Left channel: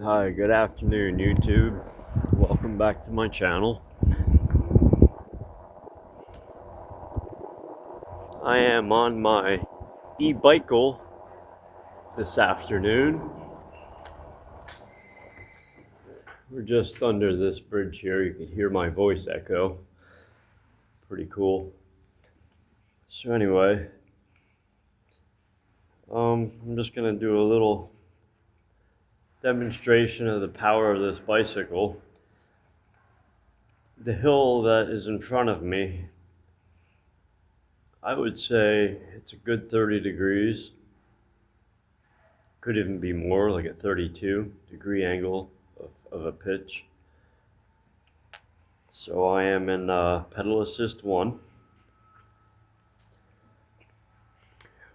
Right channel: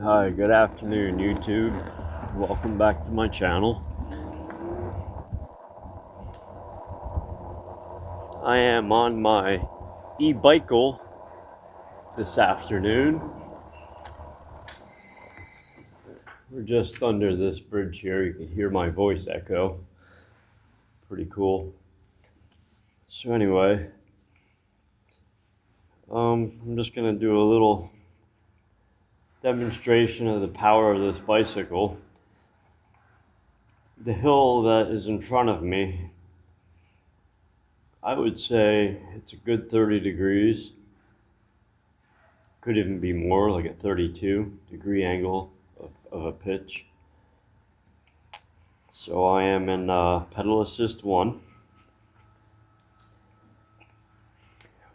Hi, good afternoon, YouTube. Welcome back to my channel. I am on my e-bicycle this afternoon. We're just under this bridge here. You can hear my voice echo. Pretty cool. So anyway, I'm just gonna do a little demonstration of the power of this bicycle. The hill that is in front of me, I would say it's a good 30 degrees. Could even be more, like a 32-degree angle of a pitch. So I am in pedal assist 1,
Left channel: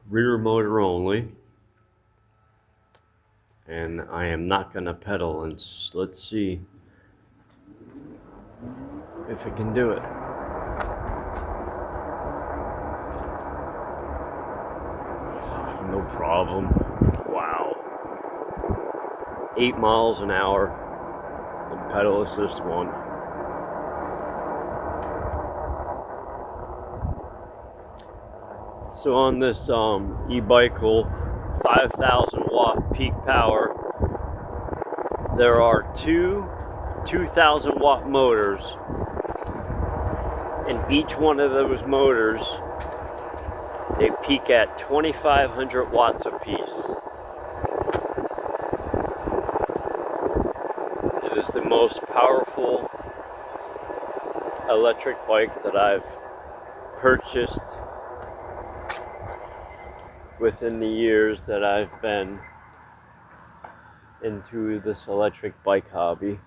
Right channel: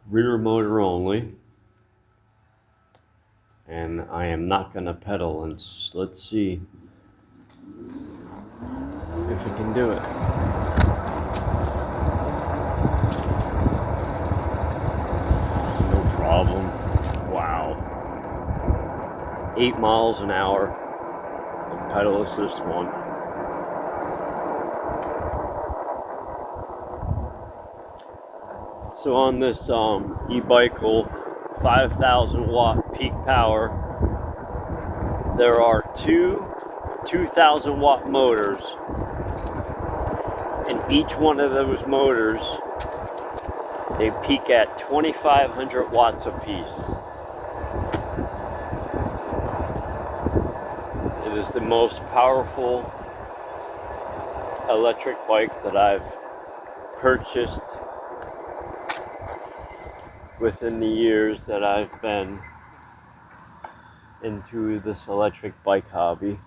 rear motor only, and I am not going to pedal, and let's see if it can do it. No problem. Wow. 8 miles an hour in pedal assist 1. So on this e-bicycle 5,000 watt peak power, there are two 2,000 watt motors, and each one of those motors, they peak at 2,500 watts apiece. It is the most powerful electric bike that I've purchased within the years that I've been into this electric bike hobby.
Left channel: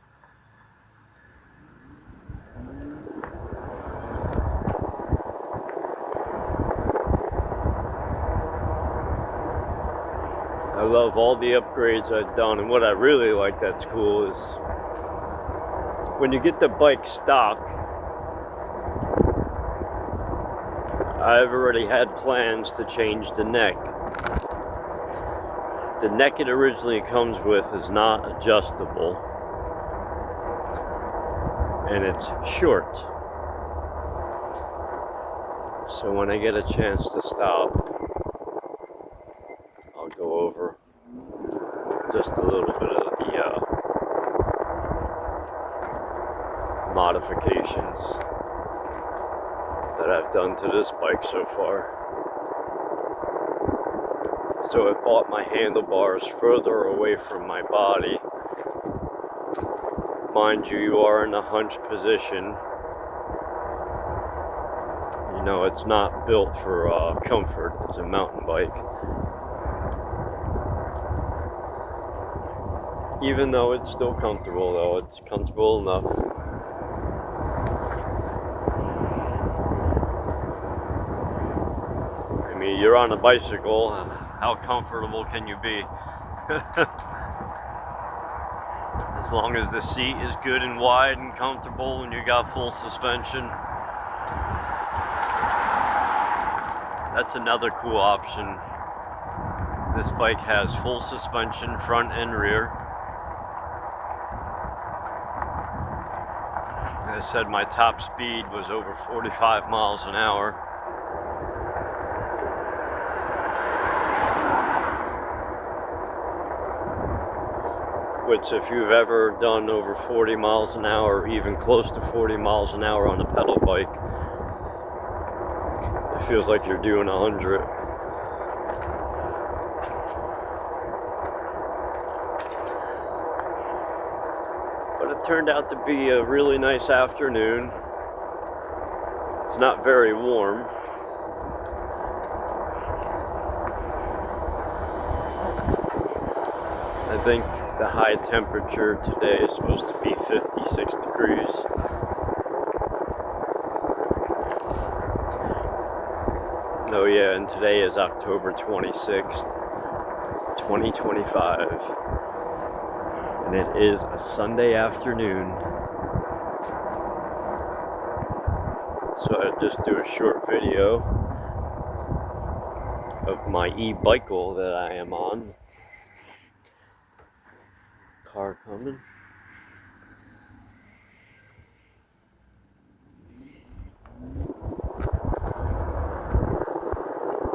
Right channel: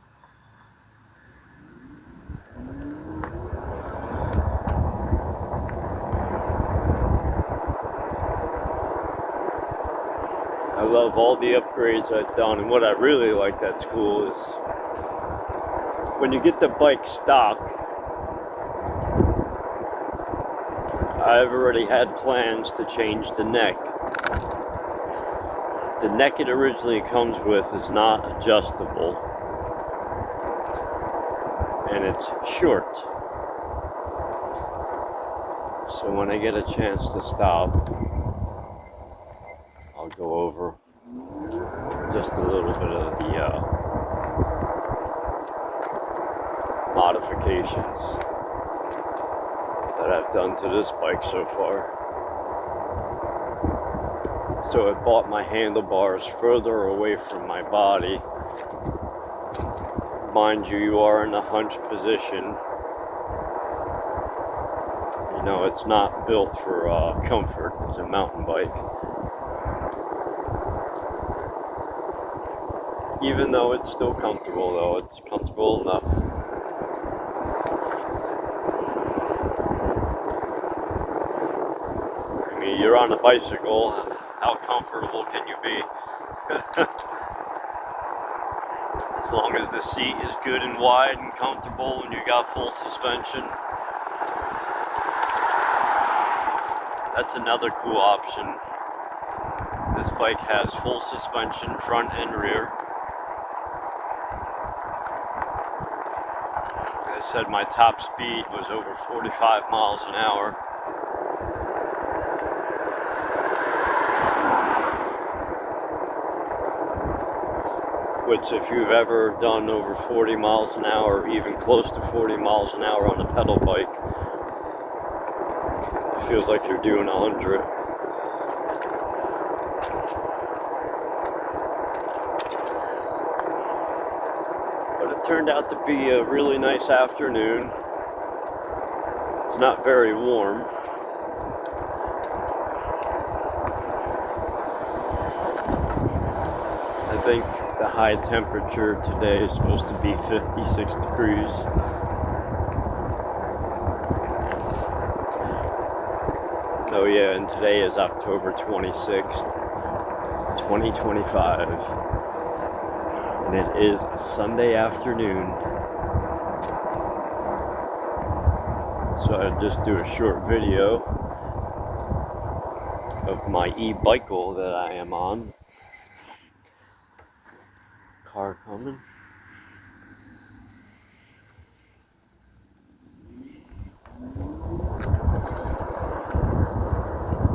I love all the upgrades I've done, and what I really like that's cool is when you get the bike stock, I've already had plans to change the neck. The neck it originally comes with is not adjustable, and it's short. So when I get a chance to stop, I'll go over just a little bit of the modifications that I've done to this bike so far. So it brought my handlebars further away from my body. Mind you, you are in a hunch position. You know, it's not built for comfort. It's a mountain bike. Even though it's still comfortable, though, it's comfortable enough. I mean, you're on a bicycle. How comfortable can you be? As long as the seat is good and wide and comfortable and you got full suspension. That's another cool option. This bike has full suspension, front and rear. As I said, my top speed was over 45 miles an hour. Which, if you've ever done over 40 miles an hour, even close to 40 miles an hour on a pedal bike, it feels like you're doing 100. But it turned out to be a really nice afternoon. It's not very warm. I think the high temperature today is supposed to be 56 degrees. Oh yeah, and today is October 26th, 2025. And it is a Sunday afternoon. So I'll just do a short video of my e-bicycle that I am on. car coming.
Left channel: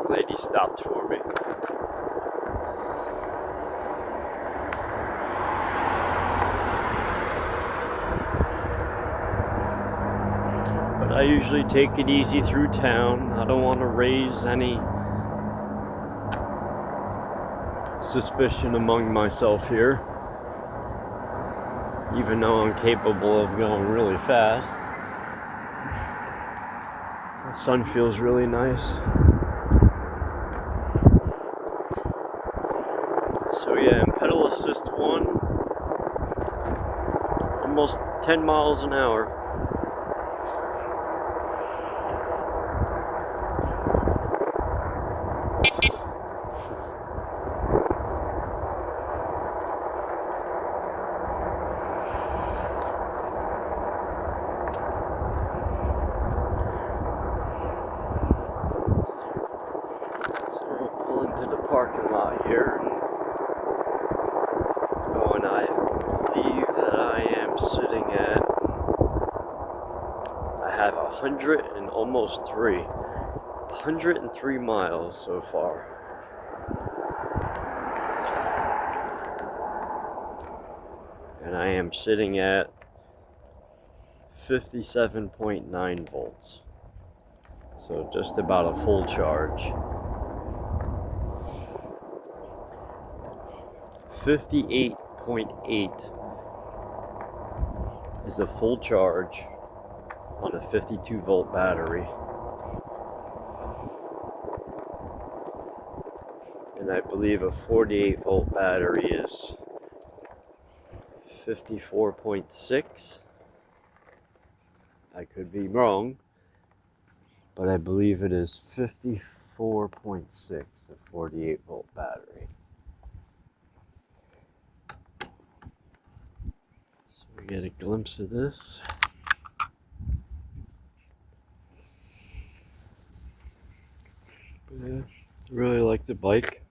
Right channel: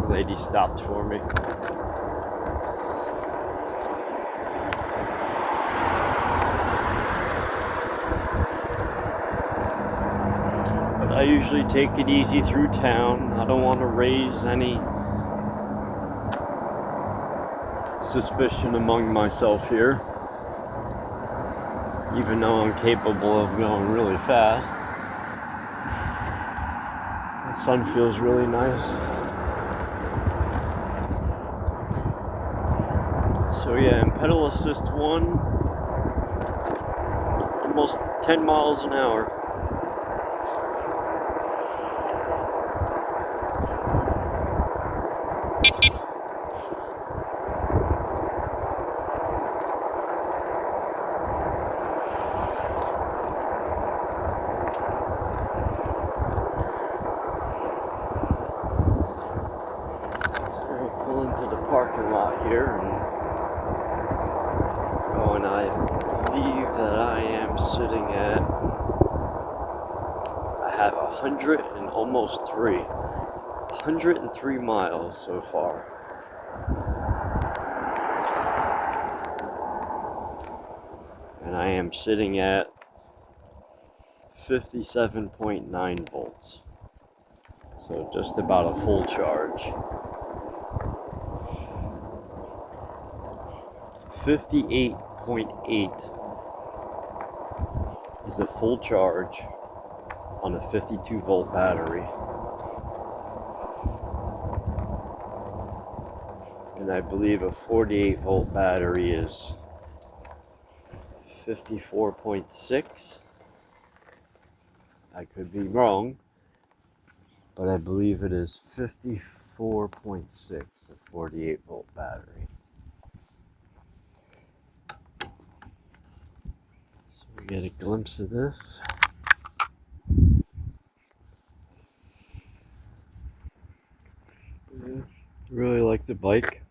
Lady stopped for me. But I usually take it easy through town. I don't want to raise any suspicion among myself here, even though I'm capable of going really fast. The sun feels really nice. So yeah, pedal assist 1, almost 10 miles an hour. So we'll pull into the parking lot here. And I believe that I am sitting at, I have 103 miles so far. And I am sitting at 57.9 volts. So just about a full charge. 58.8 is a full charge on a 52 volt battery. And I believe a 48 volt battery is 54.6. I could be wrong, but I believe it is 54.6, a 48 volt battery. So we get a glimpse of this. Yeah, really like the bike.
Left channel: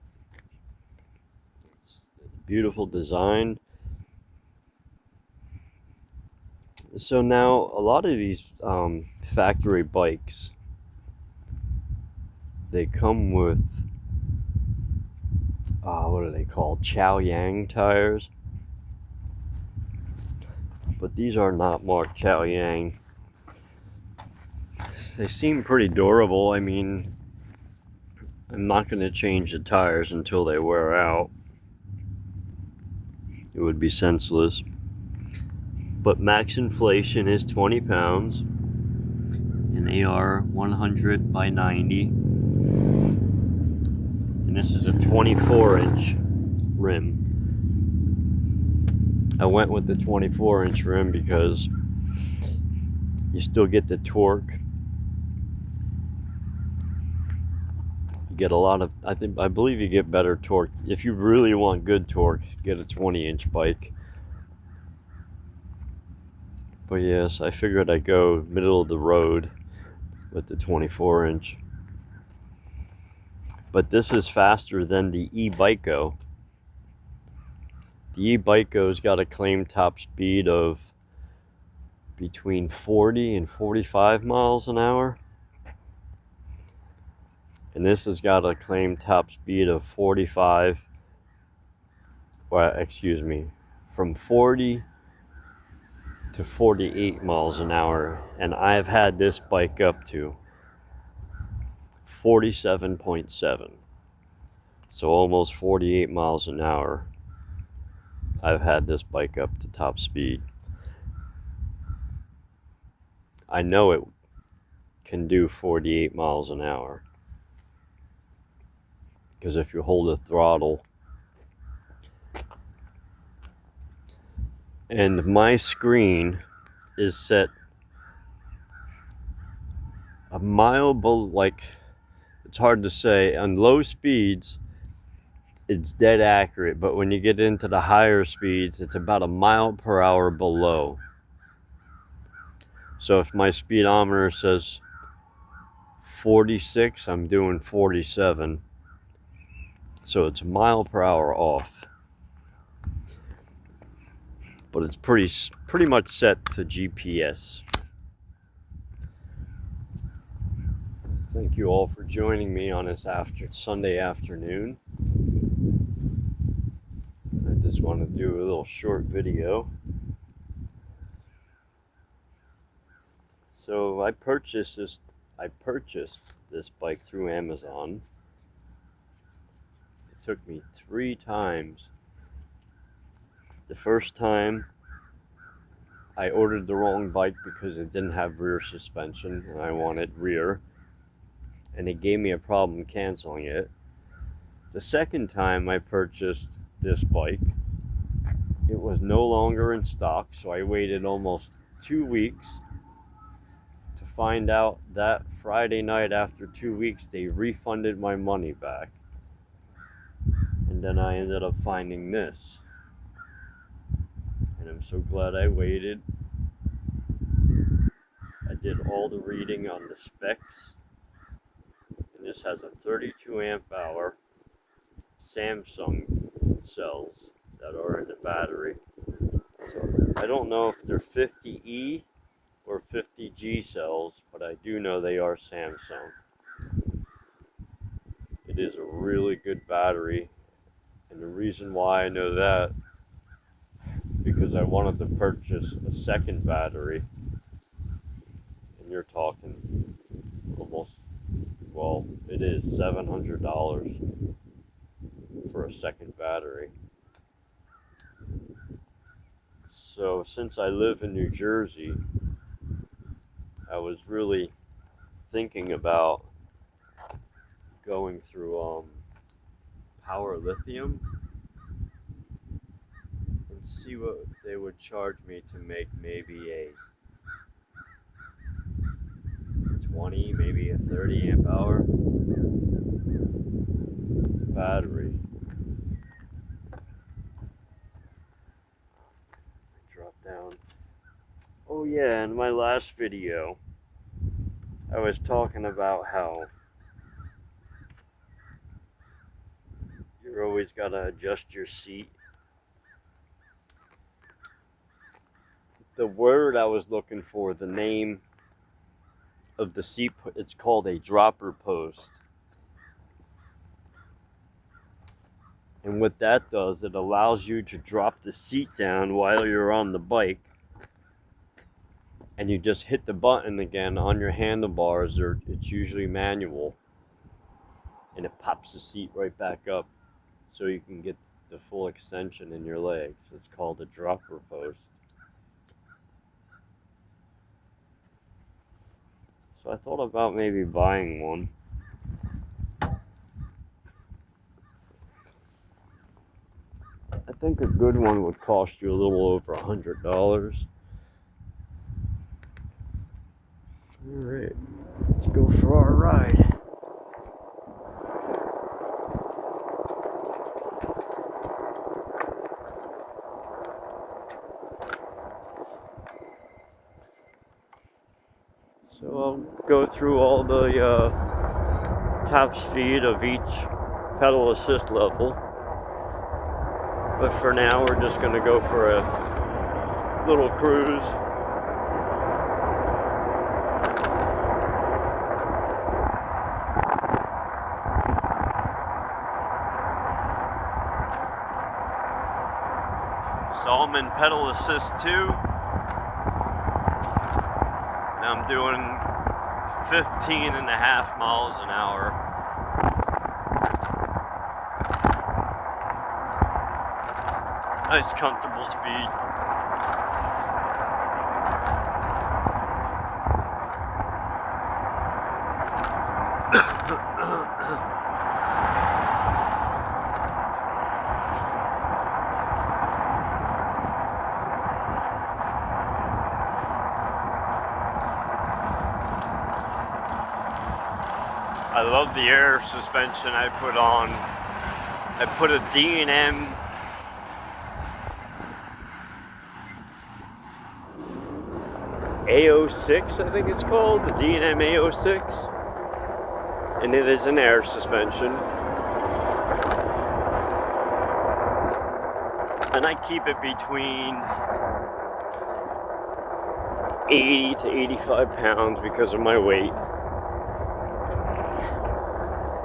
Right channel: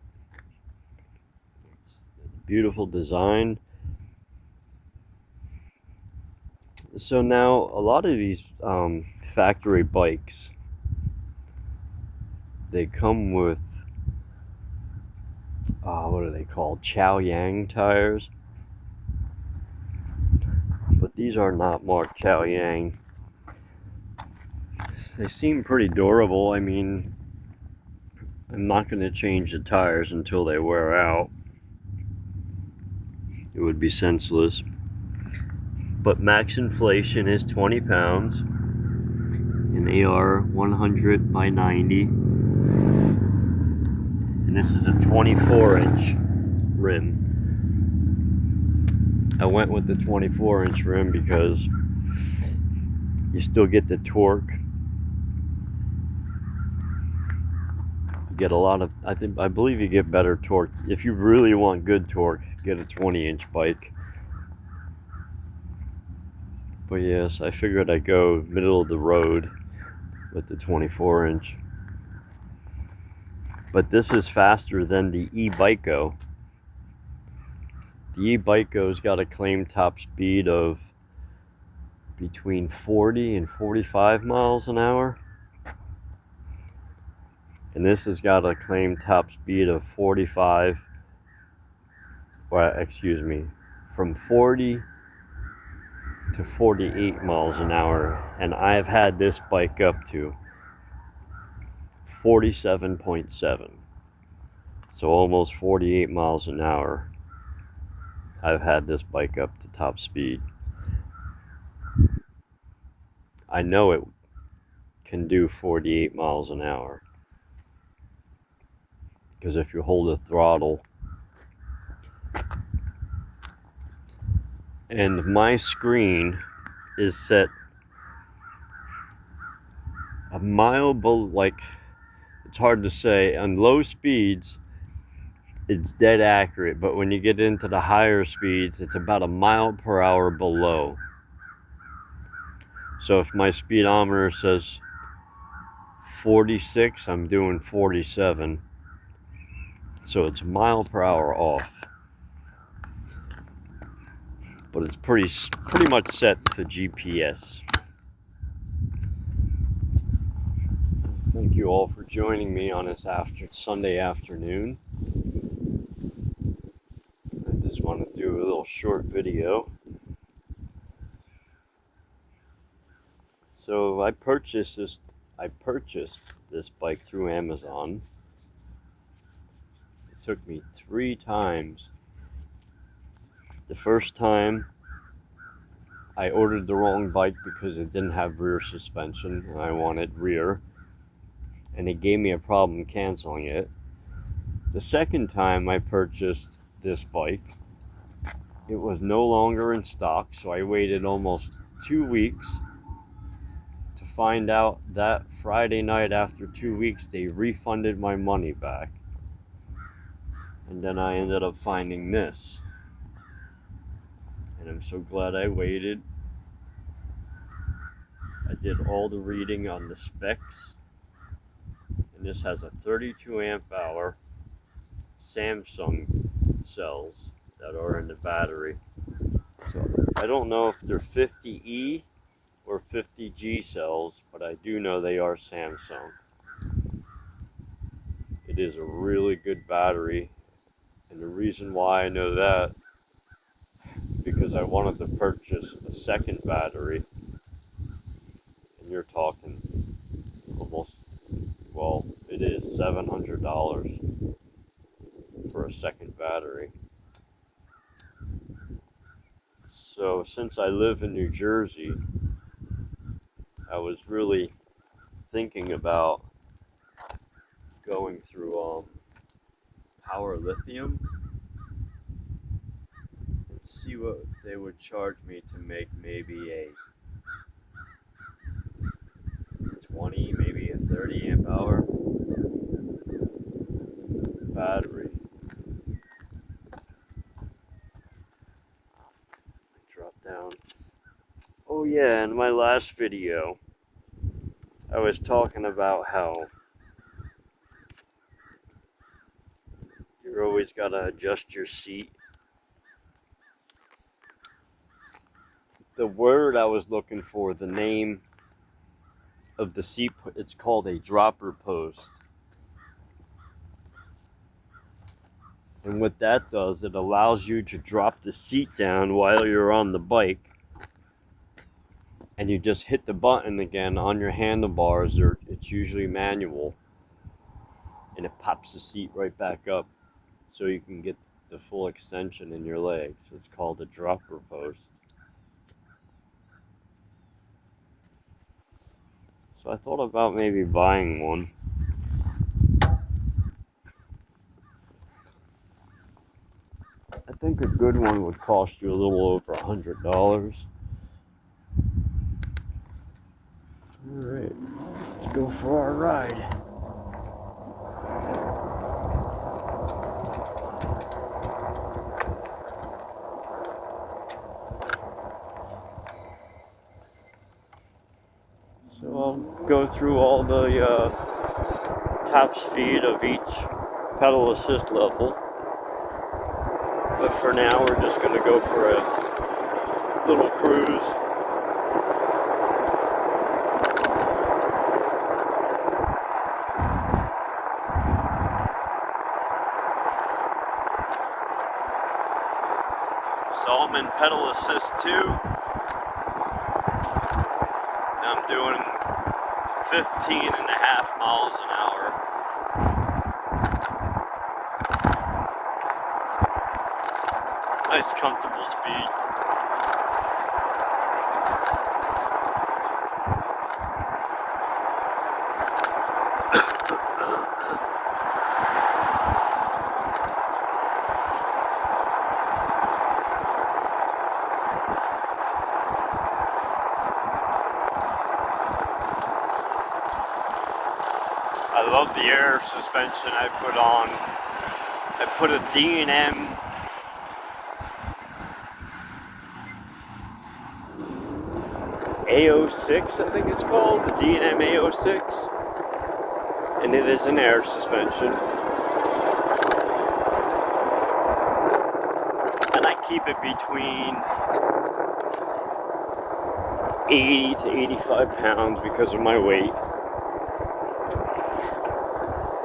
It's a beautiful design. So now a lot of these factory bikes, they come with what are they called? Chaoyang tires. But these are not marked Chaoyang. They seem pretty durable. I mean, I'm not going to change the tires until they wear out. It would be senseless. But max inflation is 20 pounds. And they are 100 by 90. And this is a 24-inch rim. I went with the 24-inch rim because you still get the torque. You get a lot of, I believe you get better torque. If you really want good torque, get a 20-inch bike. But yes, I figured I'd go middle of the road with the 24-inch. But this is faster than the e-Biko. The e-Biko's got a claimed top speed of between 40 and 45 miles an hour. And this has got a claimed top speed of 45, well, excuse me, from 40 to 48 miles an hour. And I've had this bike up to 47.7. So almost 48 miles an hour. I've had this bike up to top speed. I know it can do 48 miles an hour. Because if you hold the throttle, and my screen is set a mile below, like, it's hard to say. On low speeds, it's dead accurate, but when you get into the higher speeds, it's about a mile per hour below. So if my speedometer says 46, I'm doing 47. So it's a mile per hour off. it's pretty much set to GPS. Thank you all for joining me on this Sunday afternoon. I just want to do a little short video. So I purchased this bike through Amazon. It took me 3 times. The first time I ordered the wrong bike because it didn't have rear suspension and I wanted rear, and it gave me a problem canceling it. The second time I purchased this bike, it was no longer in stock, so I waited almost 2 weeks to find out that Friday night, after 2 weeks, they refunded my money back. And then I ended up finding this. And I'm so glad I waited. I did all the reading on the specs. And this has a 32 amp hour Samsung cells that are in the battery. So I don't know if they're 50E or 50G cells, but I do know they are Samsung. It is a really good battery, and the reason why I know that, because I wanted to purchase a second battery, and you're talking almost, well, it is $700 for a second battery. So since I live in New Jersey, I was really thinking about going through Power Lithium and see what they would charge me to make maybe a 20, maybe a 30 amp hour battery. Drop down. Oh yeah, in my last video, I was talking about how you're always gotta adjust your seat. The word I was looking for, the name of the seat, it's called a dropper post. And what that does, it allows you to drop the seat down while you're on the bike, and you just hit the button again on your handlebars, or it's usually manual, and it pops the seat right back up so you can get the full extension in your legs. It's called a dropper post. So I thought about maybe buying one. I think a good one would cost you a little over $100. Alright, let's go for our ride. So I'll go through all the top speed of each pedal assist level. But for now, we're just going to go for a little cruise. So I'm in pedal assist 2. And I'm doing 15.5 miles an hour. Nice comfortable speed. I love the air suspension I put on. I put a D&M A06, I think it's called, the D&M A06, and it is an air suspension. And I keep it between 80 to 85 pounds because of my weight.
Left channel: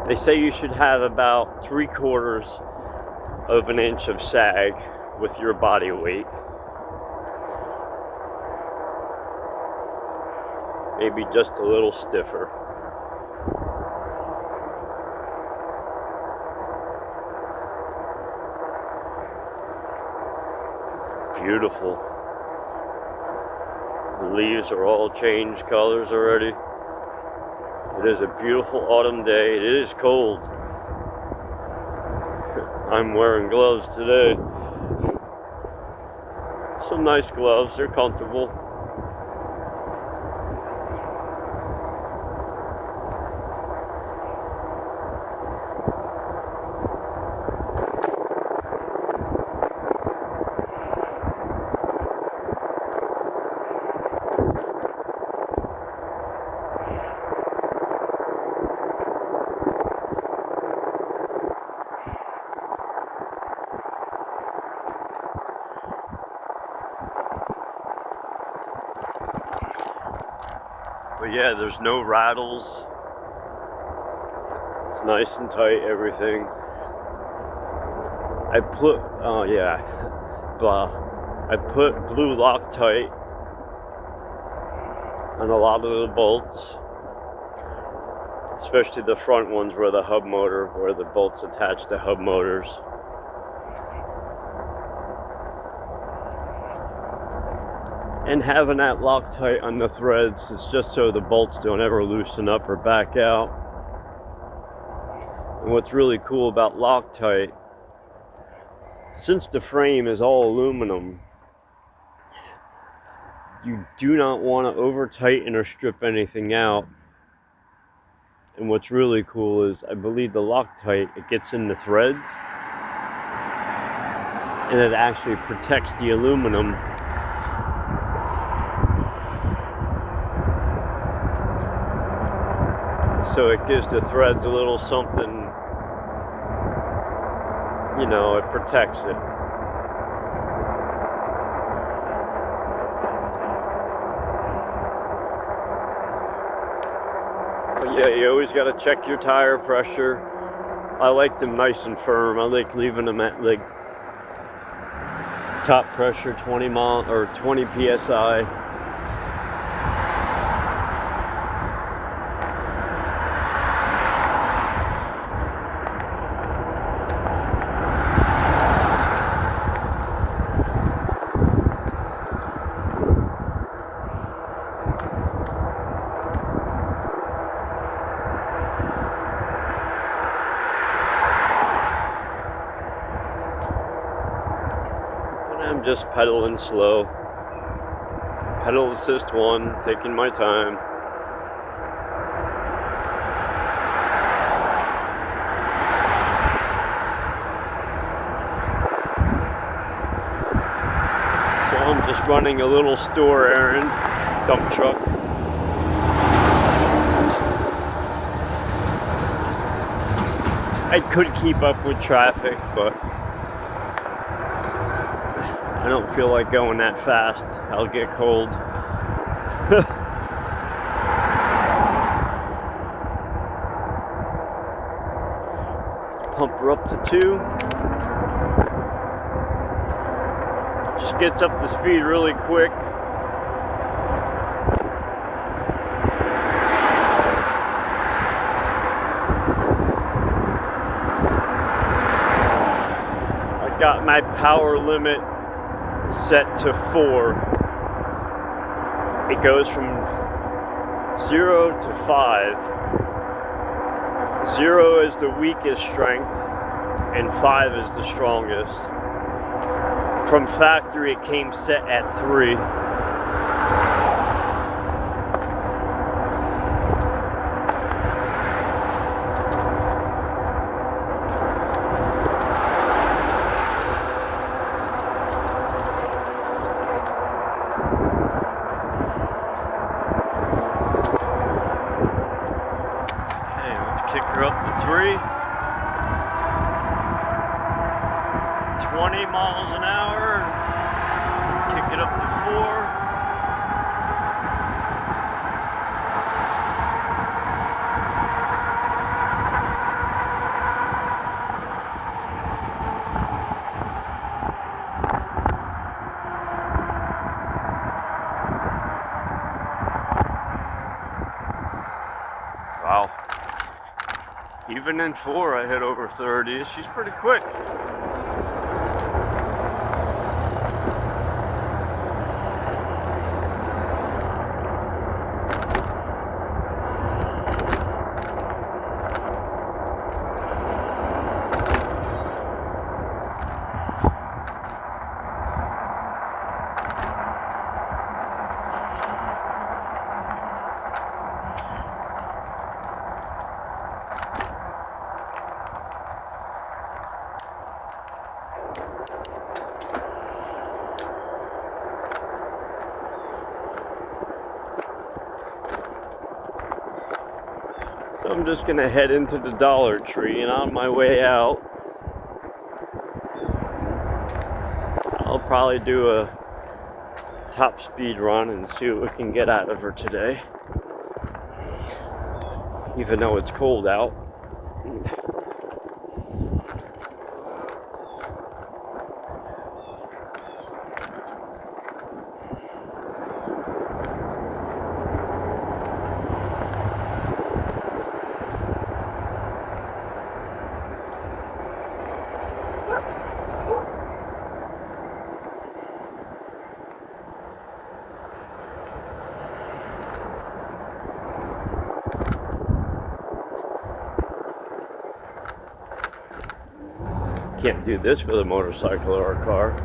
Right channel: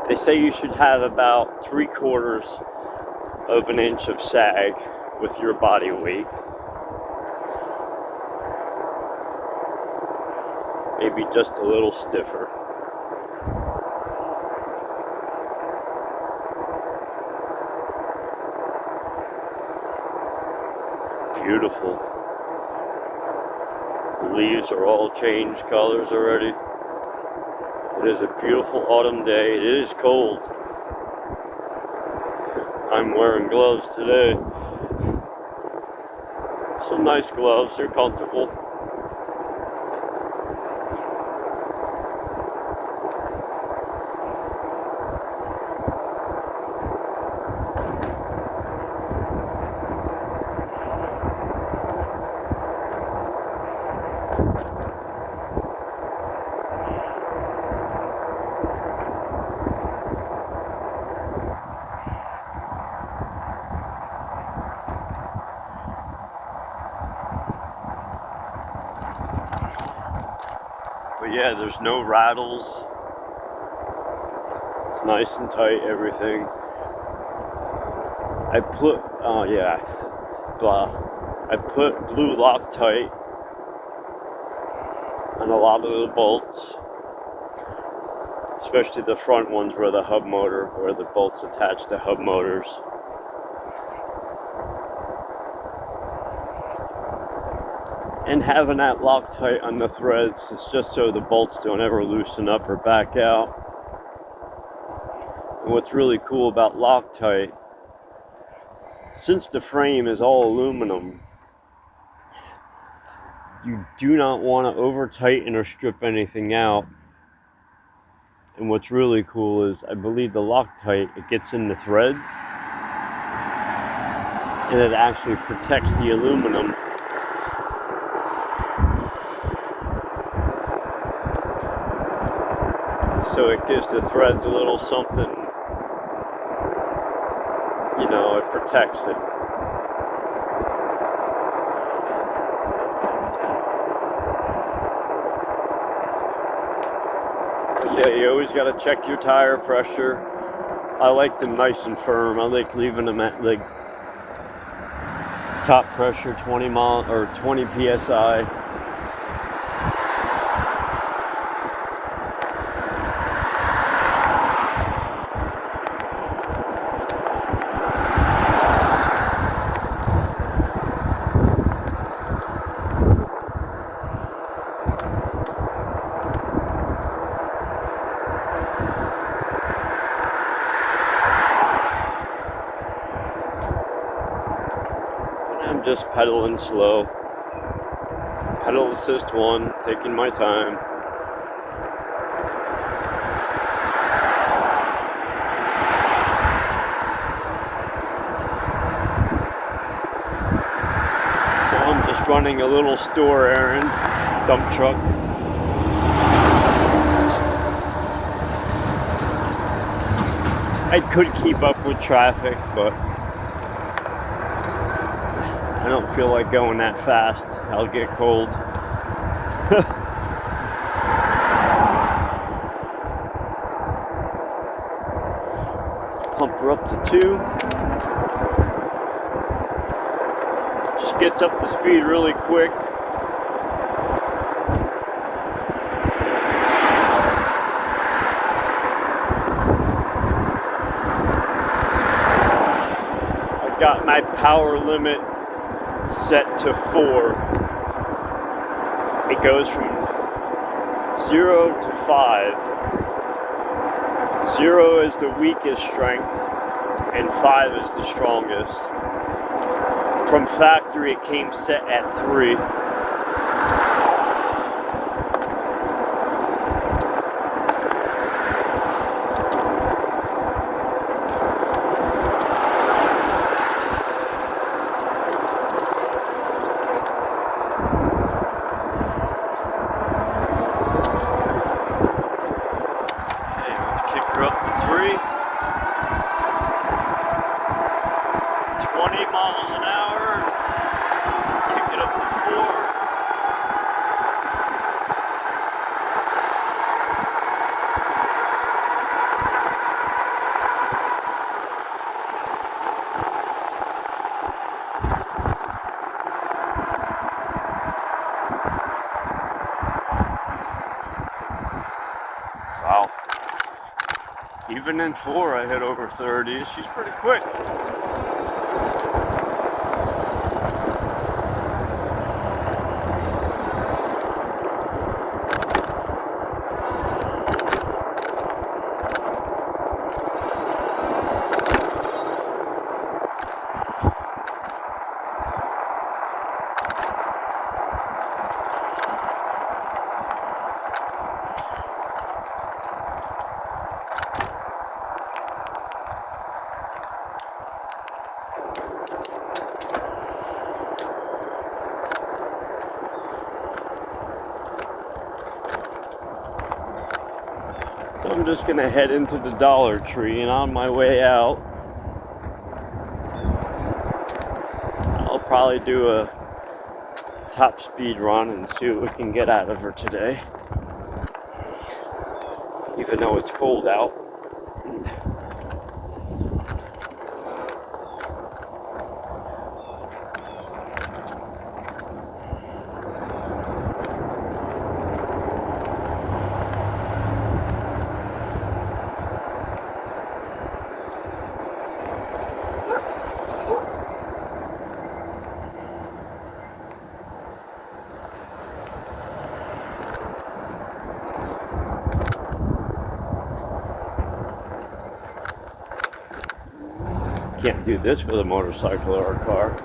They say you should have about 3/4 of an inch of sag with your body weight. Maybe just a little stiffer. Beautiful. The leaves are all changed colors already. It is a beautiful autumn day. It is cold. I'm wearing gloves today. Some nice gloves, they're comfortable. But yeah, there's no rattles. It's nice and tight, everything. I put blue Loctite on a lot of the bolts, especially the front ones where the bolts attach to hub motors. And having that Loctite on the threads is just so the bolts don't ever loosen up or back out. And what's really cool about Loctite, since the frame is all aluminum, you do not want to over tighten or strip anything out. And what's really cool is, I believe the Loctite, it gets in the threads and it actually protects the aluminum. So it gives the threads a little something, it protects it. But yeah, you always got to check your tire pressure. I like them nice and firm. I like leaving them at like top pressure 20 psi. I'm just pedaling slow. Pedal assist 1, taking my time. So I'm just running a little store errand, dump truck. I could keep up with traffic, but I don't feel like going that fast. I'll get cold. Pump her up to 2. She gets up to speed really quick. I got my power limit set to 4. It goes from 0 to 5. 0 is the weakest strength and 5 is the strongest. From factory it came set at 3. Kick her up to 3. 20 miles an hour. Kick it up to 4. Even in 4, I hit over 30. She's pretty quick. So I'm just gonna head into the Dollar Tree, and on my way out, I'll probably do a top speed run and see what we can get out of her today. Even though it's cold out. Can't do this with a motorcycle or a car.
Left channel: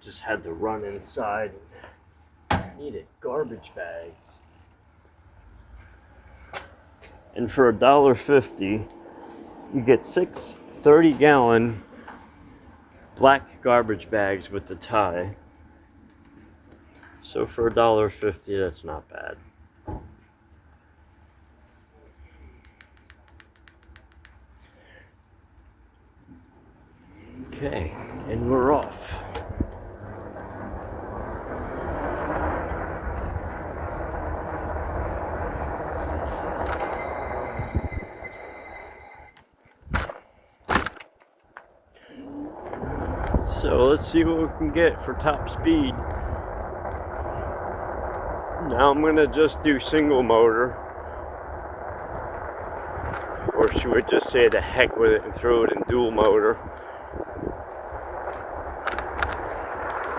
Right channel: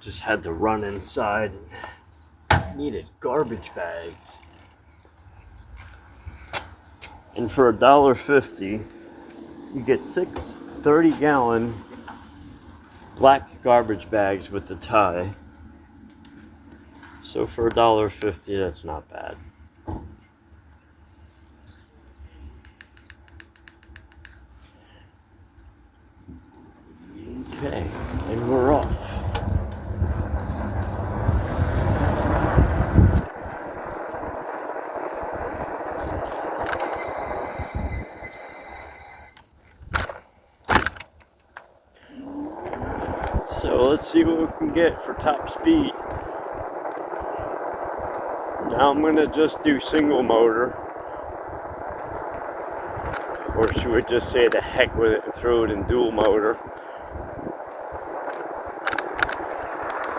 Just had to run inside. Needed garbage bags. And for $1.50, you get 6 30-gallon black garbage bags with the tie. So for $1.50, that's not bad. Okay, and we're off. So let's see what we can get for top speed. Now I'm gonna just do single motor. Or should we just say the heck with it and throw it in dual motor?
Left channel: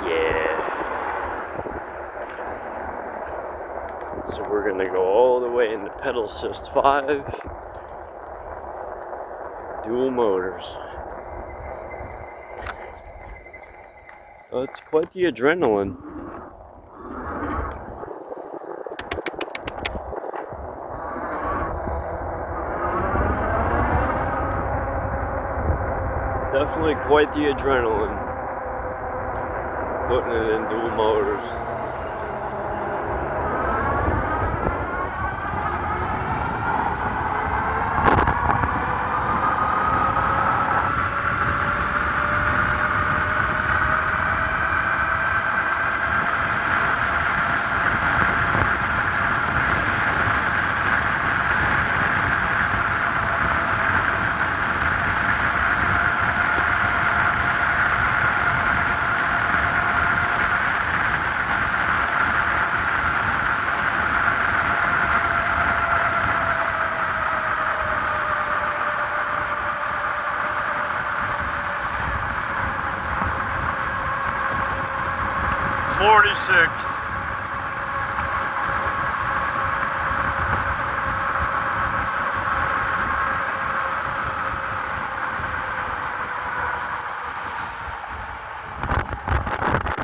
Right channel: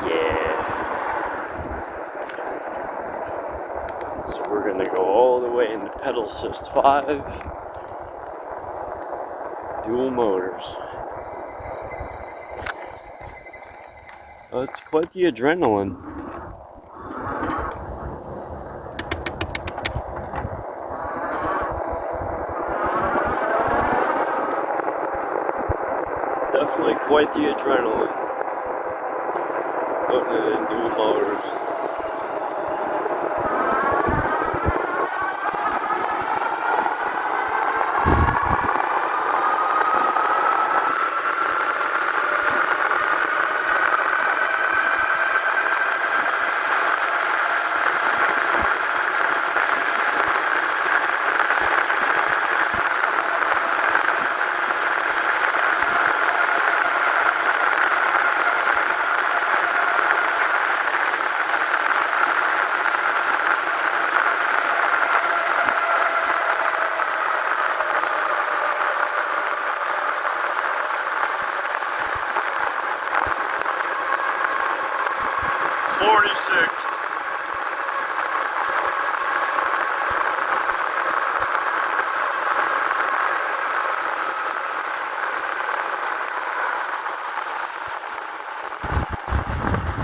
Yeah. So we're gonna go all the way into pedal assist 5. Dual motors. Oh, it's quite the adrenaline. It's definitely quite the adrenaline. Putting it in dual motors.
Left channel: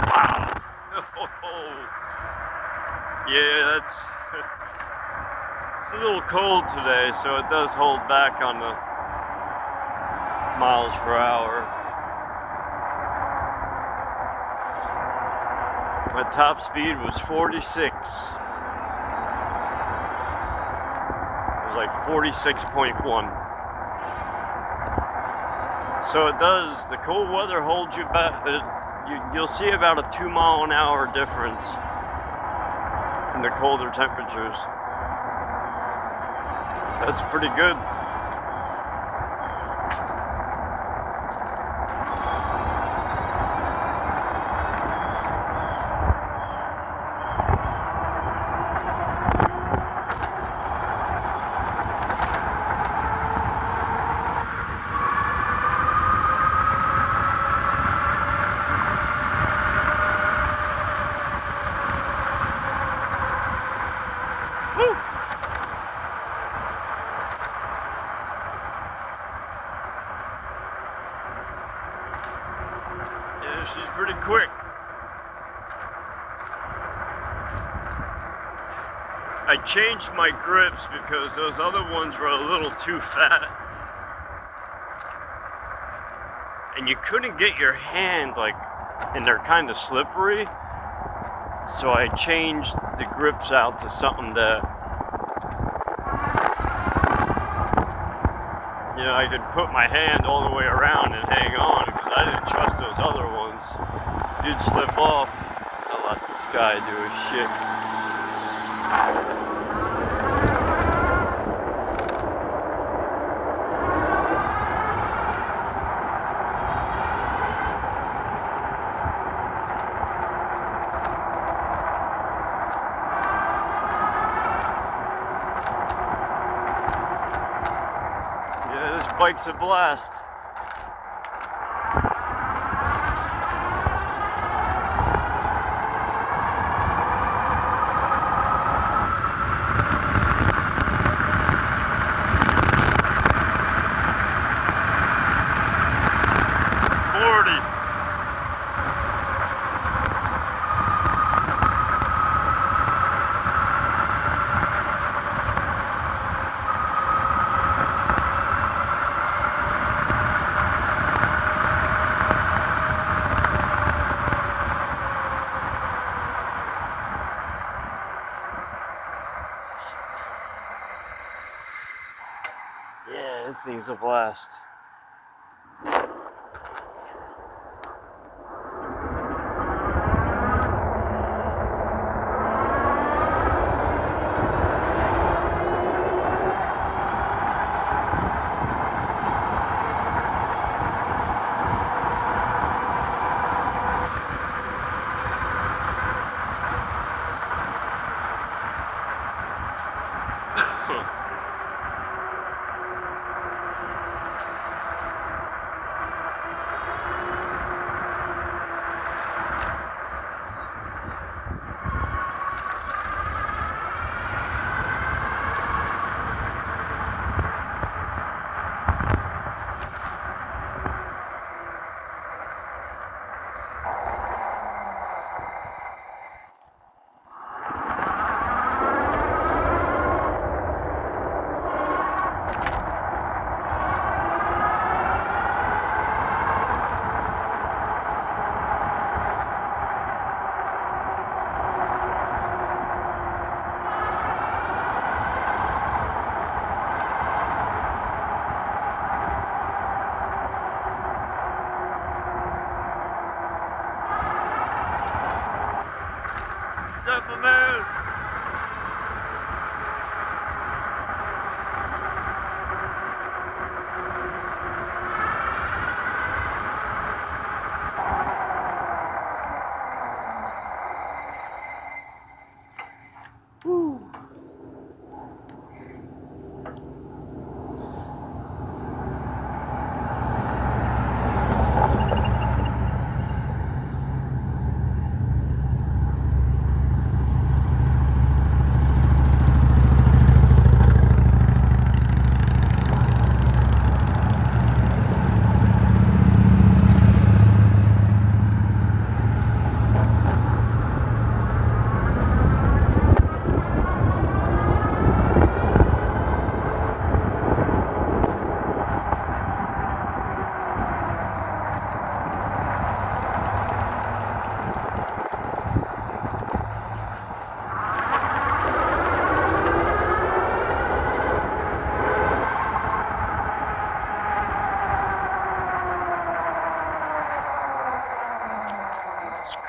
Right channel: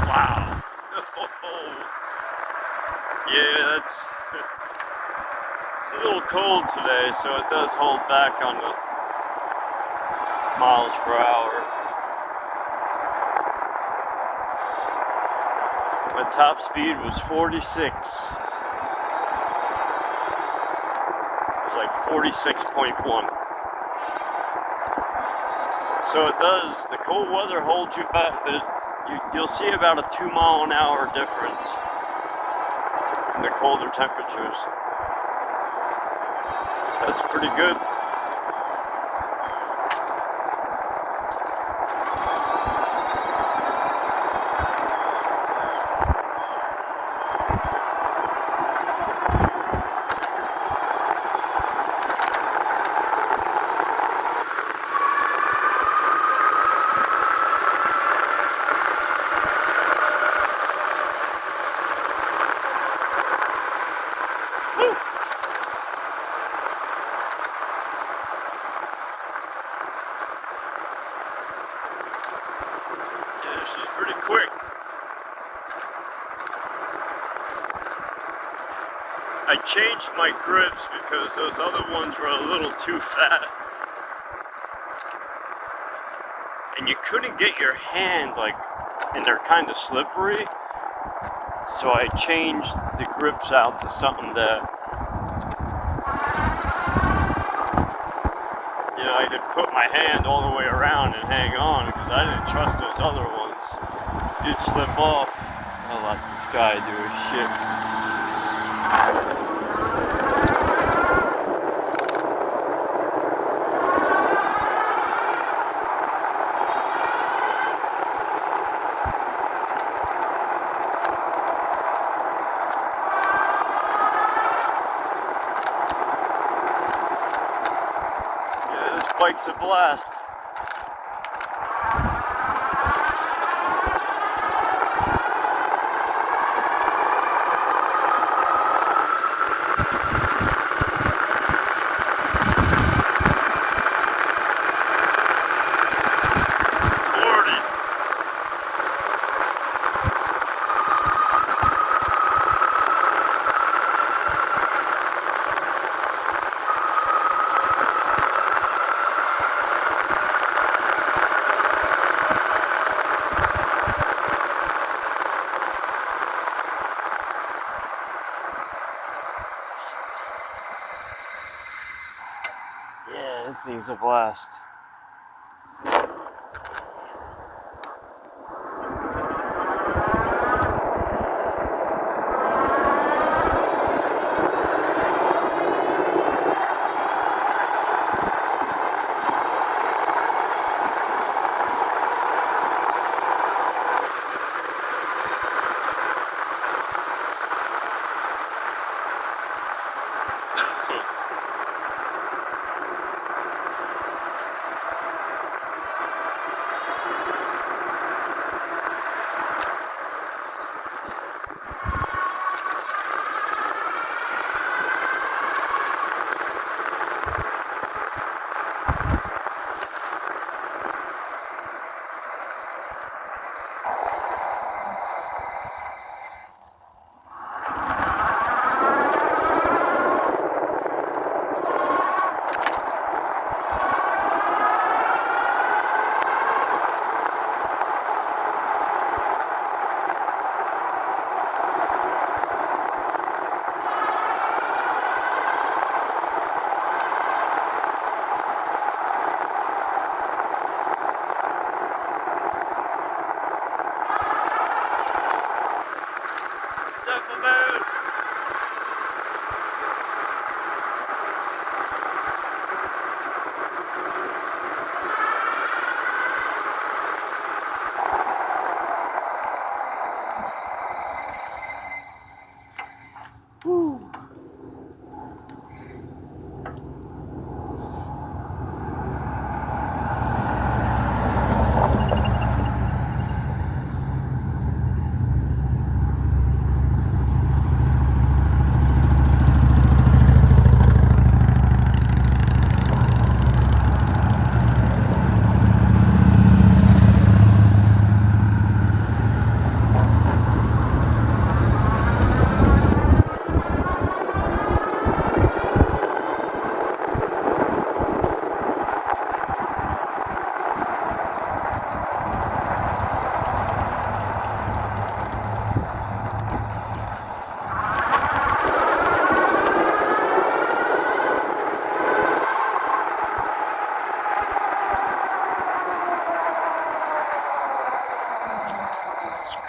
Wow. Yeah, it's a little cold today, so it does hold back on miles per hour. My top speed was 46. It was like 46.1. So it does, the cold weather holds you back, but you'll see about a 2-mile-an-hour difference in the colder temperatures. That's pretty good. She's pretty quick. I changed my grips because those other ones were a little too fat. And you couldn't get your hand, like, and they're kind of slippery. So I changed the grips out to something that, you know, I could put my hand all the way around and hang on, because I didn't trust those other ones. You'd slip off. I'll let this guy do his shit. Yeah, this bike's a blast. Yeah, this thing's a blast. What's up, my man? Woo.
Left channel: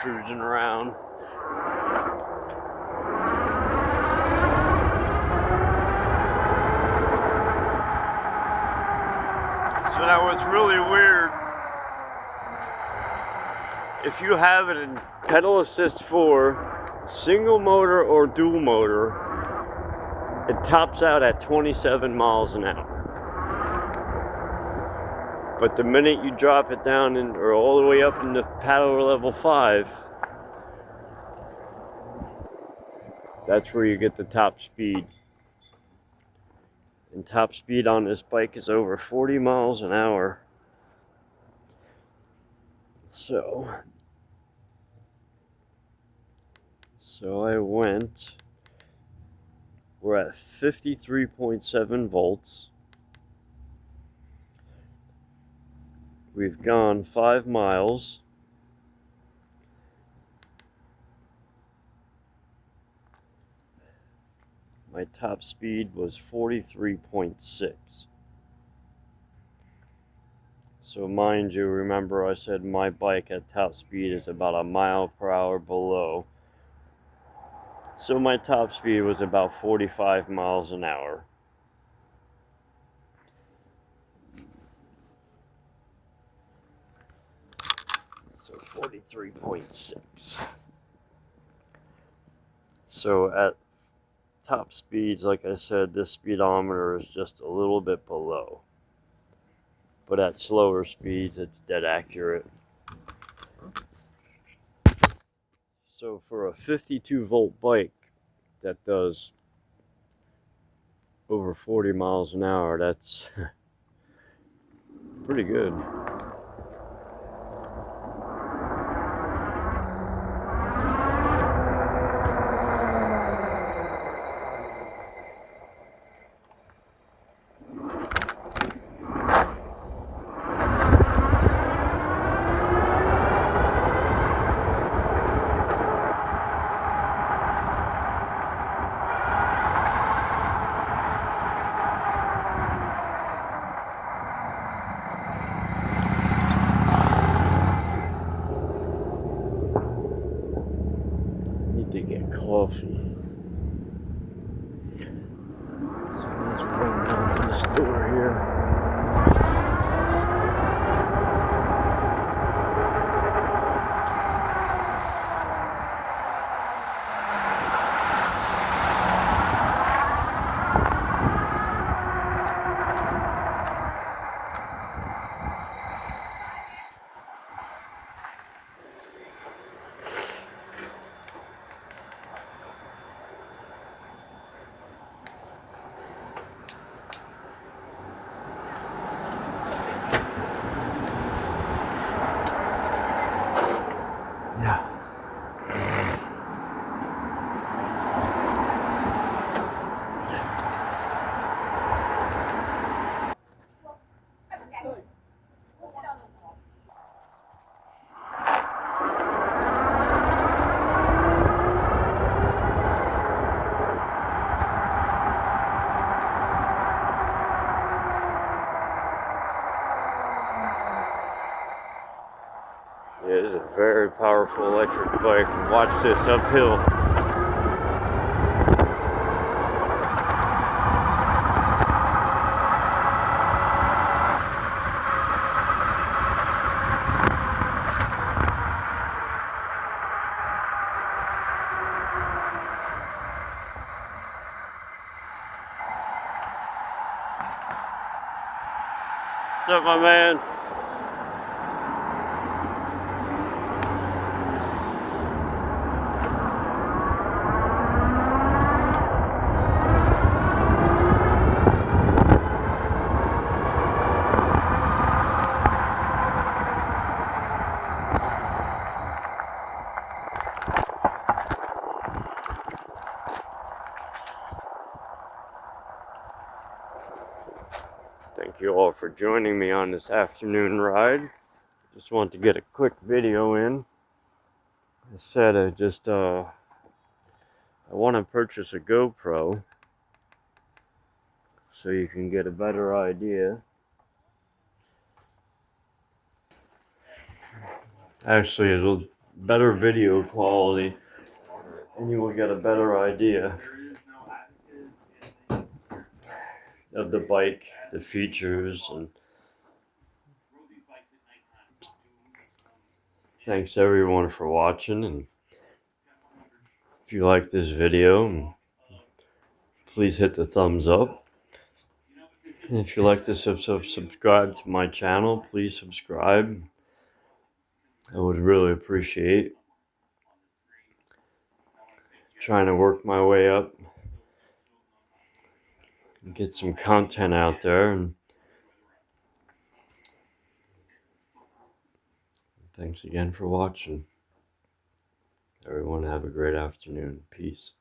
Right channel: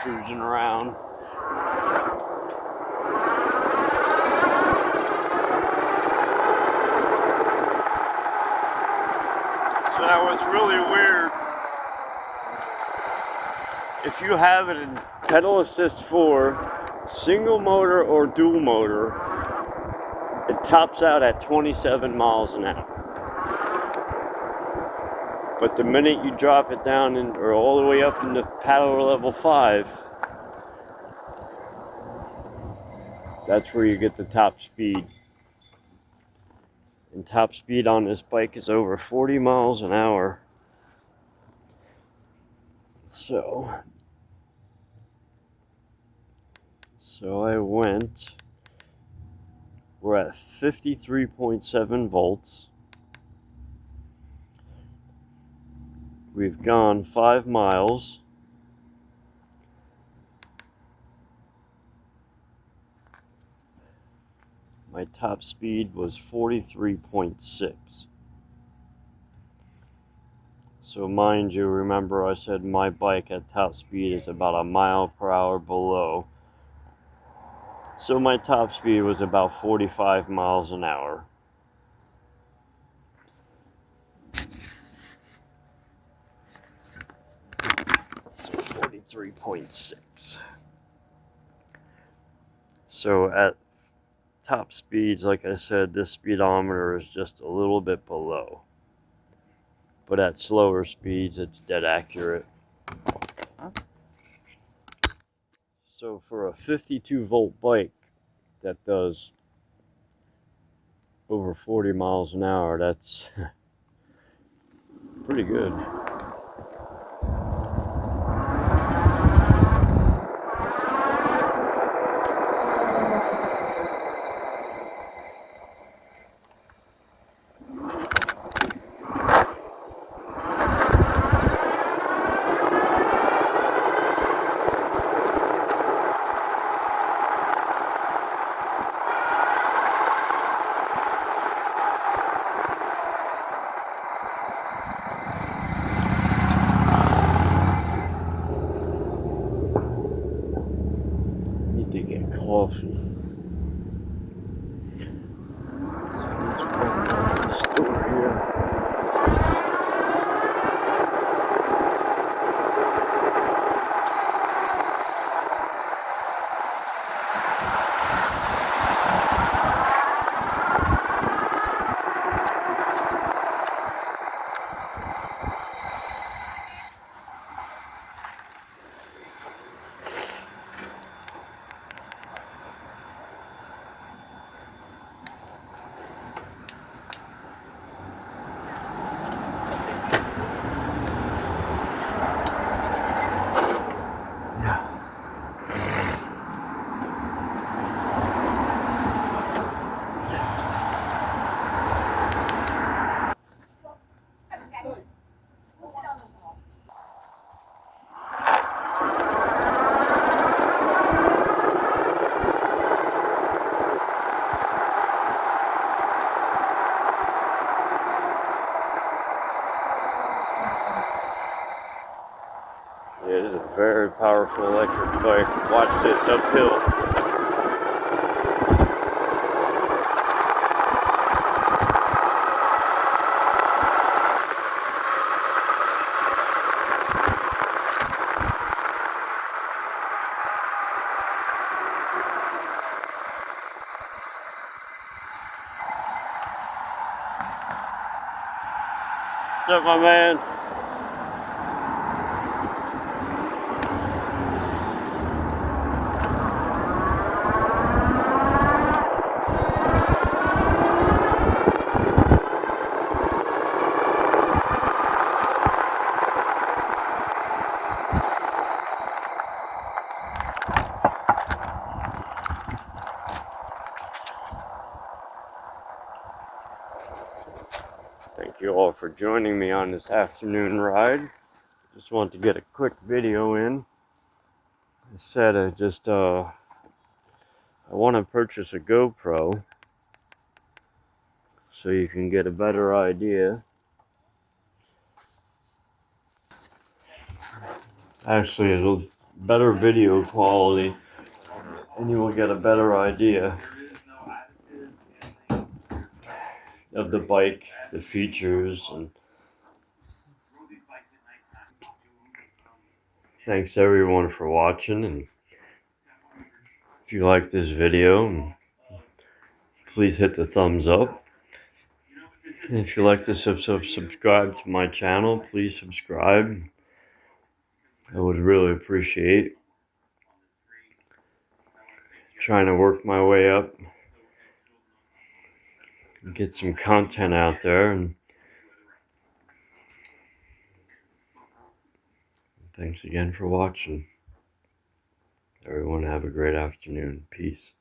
cruising around. So that was really weird. If you have it in pedal assist 4, single motor or dual motor, it tops out at 27 miles an hour. But the minute you drop it down or all the way up into power level 5, that's where you get the top speed. And top speed on this bike is over 40 miles an hour. So I went, we're at 53.7 volts. We've gone 5 miles. My top speed was 43.6. So mind you, remember I said my bike at top speed is about a mile per hour below. So my top speed was about 45 miles an hour. So 43.6. So at top speeds, like I said, this speedometer is just a little bit below. But at slower speeds, it's dead accurate. So for a 52 volt bike that does over 40 miles an hour, that's pretty good. To get coffee. So let's run down to the store here. It is a very powerful electric bike. Watch this uphill. What's up, my man? Thank you all for joining me on this afternoon ride. Just want to get a quick video in. I said I want to purchase a GoPro so you can get a better idea. Actually, better video quality, and you will get a better idea of the bike, the features, and thanks everyone for watching. And if you like this video, please hit the thumbs up. And if you like to subscribe to my channel, please subscribe. I would really appreciate trying to work my way up and get some content out there. And thanks again for watching. Everyone have a great afternoon. Peace.